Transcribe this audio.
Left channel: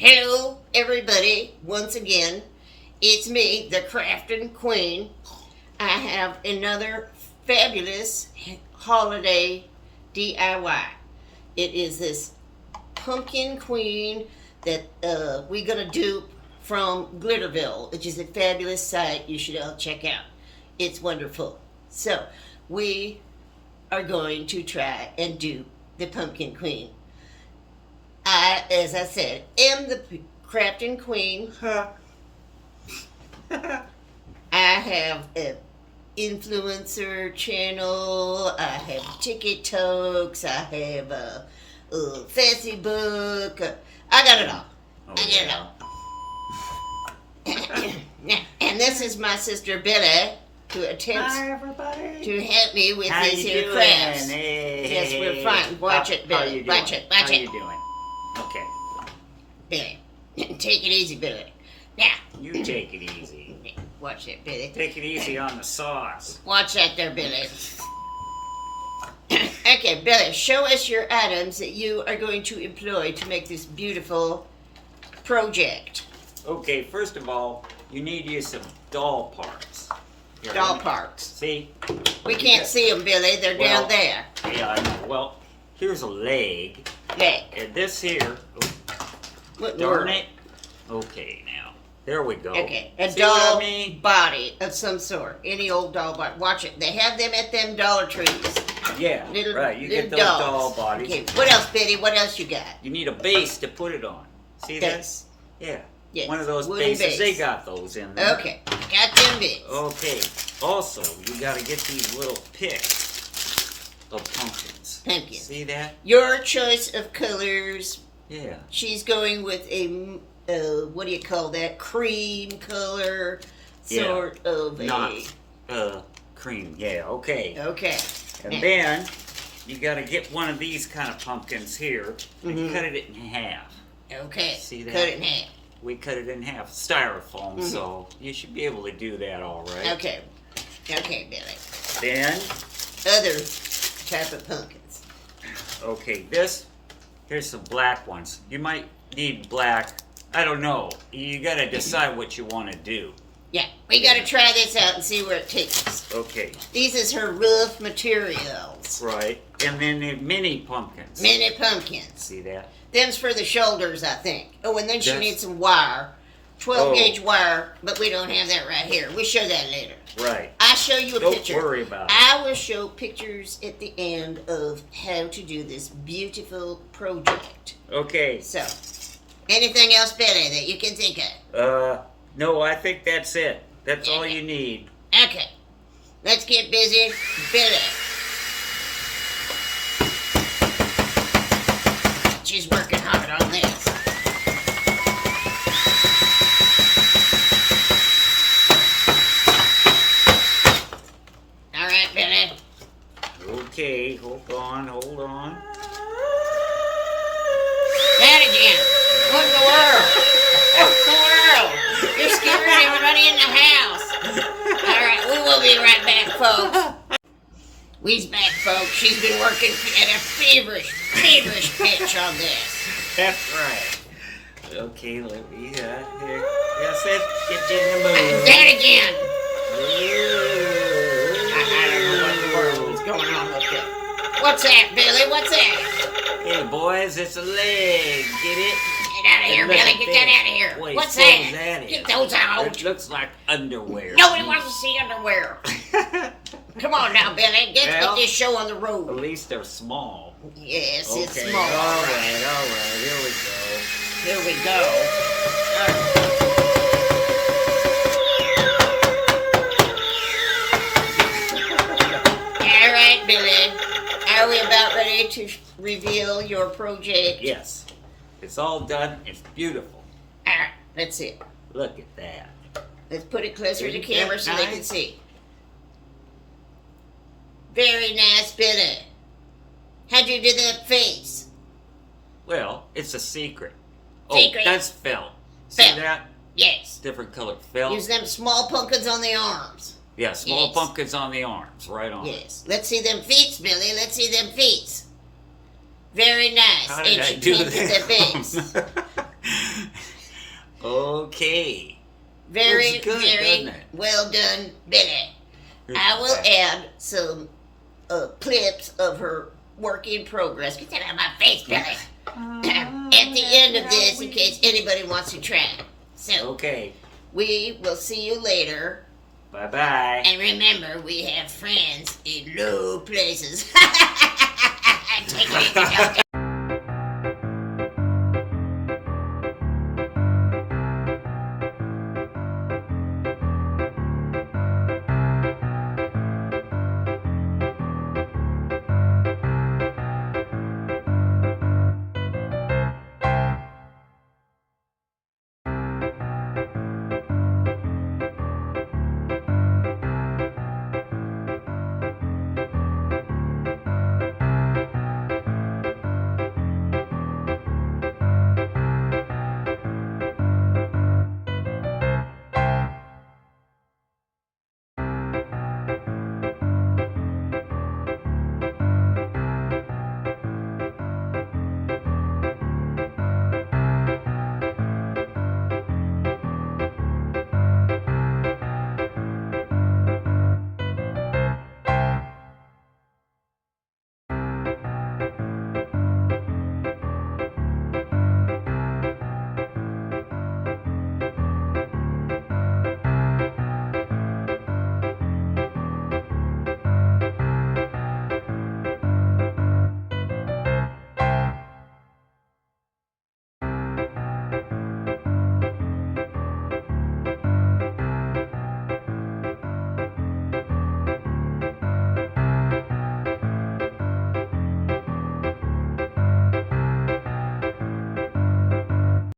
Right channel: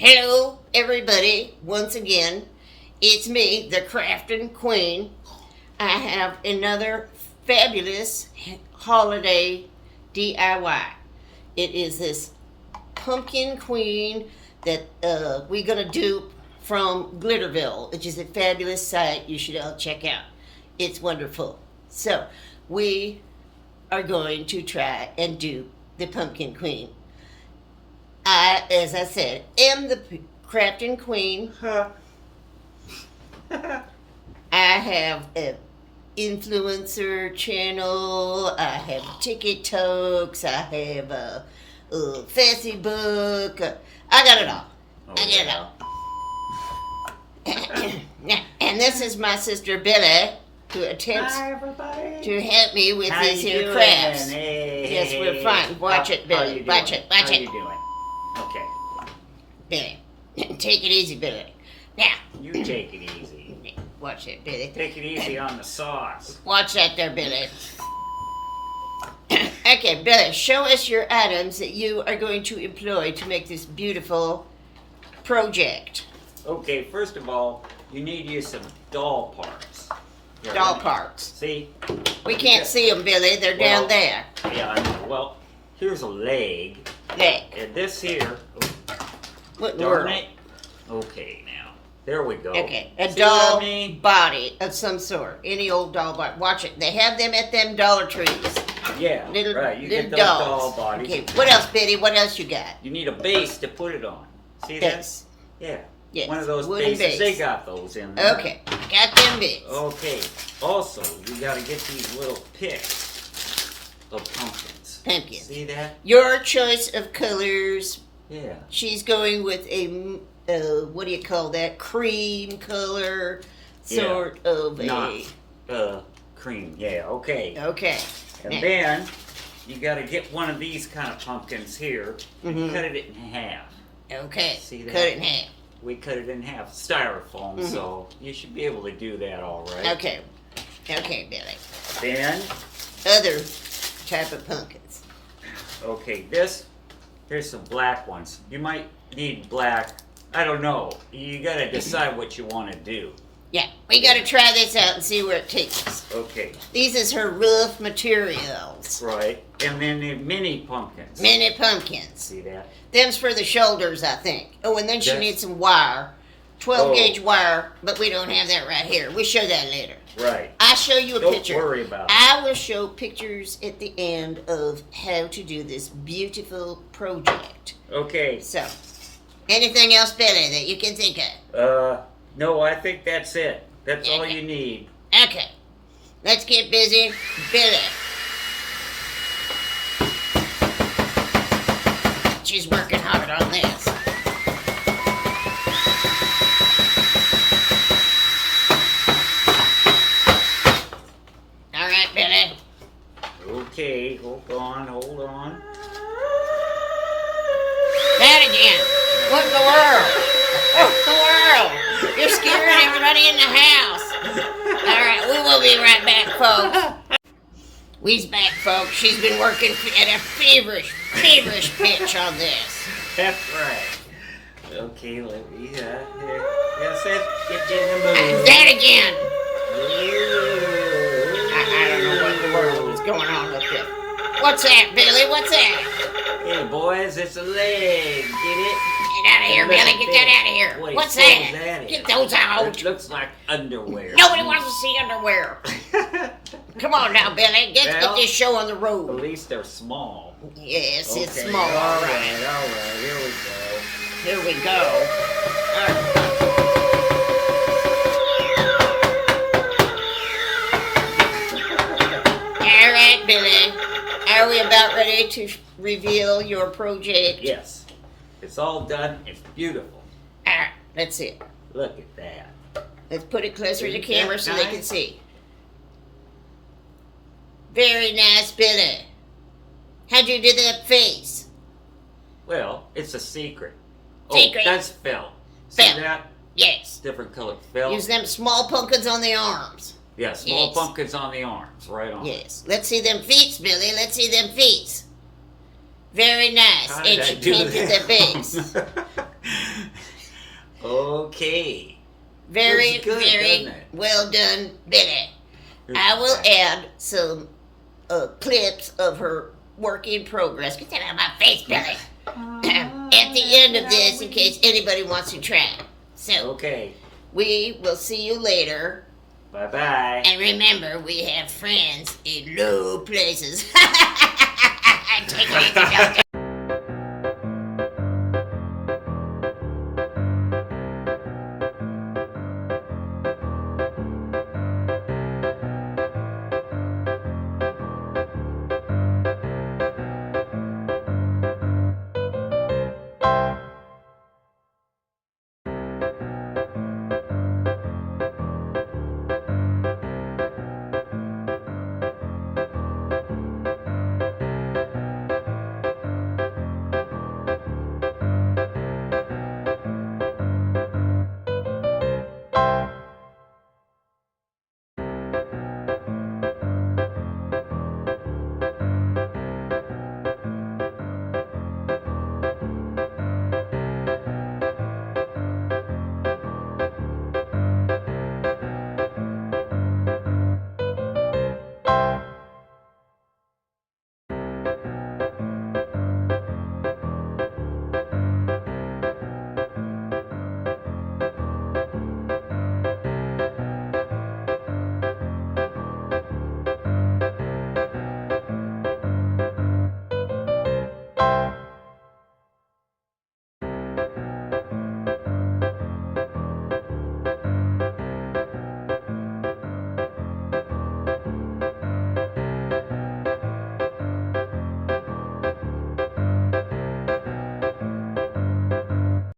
Hello, everybody. Once again, it's me, the Crafting Queen. I have another fabulous holiday DIY. It is this pumpkin queen that we're going to dupe from Glitterville, which is a fabulous site you should all check out. It's wonderful. So, we are going to try and dupe the pumpkin queen. I, as I said, am the Crafting Queen. I have an influencer channel. I have TikToks. I have a Facebook. I got it all. And this is my sister Billy, who attempts to help me with these here crafts. Hey, yes, we're fine. Watch it, Billy. Watch it. How you doing? Okay. Billy, take it easy, Billy. Now. You take it easy. Watch that, Billy. Take it easy on the sauce. Watch that there, Billy. Okay, Billy, show us your items that you are going to employ to make this beautiful project. Okay, first of all, you need to use some doll parts. Right? Doll parts. See? We can't see them, Billy. They're down there. Yeah, I know. Well, here's a leg. Leg. And this here. What Darn it. Okay, now. There we go. Okay, a see doll body of some sort. Any old doll body. Watch it. They have them at them Dollar Trees. Yeah, right. You get those dolls. doll bodies. Okay, what else, Billy? What else you got? You need a base to put it on. See Base. that? Yeah. Yes. One of those Wooden bases. base. They got those in there. Okay, got them bits. Okay. Also, you got to get these little picks of pumpkins. Pumpkins. See that? Your choice of colors. Yeah. She's going with a, what do you call that? Cream color, sort of cream. Yeah, okay. Okay. And then, you got to get one of these kind of pumpkins here and cut it in half. Okay. See that? Cut it in half. We cut it in half. Styrofoam, so you should be able to do that all right. Okay. Okay, Billy. Then, other type of pumpkins. Okay, here's some black ones. You might need black. I don't know. You got to decide what you want to do. Yeah, we got to try this out and see where it takes us. Okay. These is her rough materials. Right. And then the mini pumpkins. Mini pumpkins. See that? Them's for the shoulders, I think. Oh, and then she needs some wire. 12 gauge wire, but we don't have that right here. We'll show that later. Right. I'll show you a picture. Don't worry about it. I will show pictures at the end of how to do this beautiful project. Okay. So, anything else, Billy, that you can think of? No, I think that's it. That's all you need. Okay. Let's get busy. Billy. She's working hard on this. All right, Billy. Okay, hold on. That again. What in the world? What in the world? You're scaring everybody in the house. All right, we will be right back, folks. We's back, folks. She's been working at a feverish pitch on this. That's right. Okay, let me, here. Yes, get you in the mood. That again. I don't know what in the world is going on with it. What's that, Billy? What's that? Hey, boys, it's a leg. Get it? Get out of here, Billy. Get that out of here. Wait, What's so that? is Get those out. It looks like underwear. Nobody wants to see underwear. Come on now, Billy. Get this show on the road. At least they're small. Yes, okay. It's small. All right. Here we go. All right, Billy. Are we about ready to reveal your project? Yes. It's all done. It's beautiful. All right, let's see it. Look at that. Let's put it closer to the Isn't camera that so they nice? can see. Very nice, Billy. How'd you do that face? Well, it's a secret. Secret? Oh, that's felt. See Felt. that? Yes. Different colored felt. Use them small pumpkins on the arms. Yeah, small Yes. pumpkins on the arms. Right on. Yes. Let's see them feet, Billy. Let's see them feet. Very nice. How And did I she do painted the base. that? Okay. Very, Looks good, very doesn't it? well done, Billy. I will add some clips of her work in progress. Get that out of my face, Billy. At the end of this, in case anybody wants to try it. So, Okay. we will see you later. Bye-bye. And remember, we have friends in low places. Take it easy, Doctor.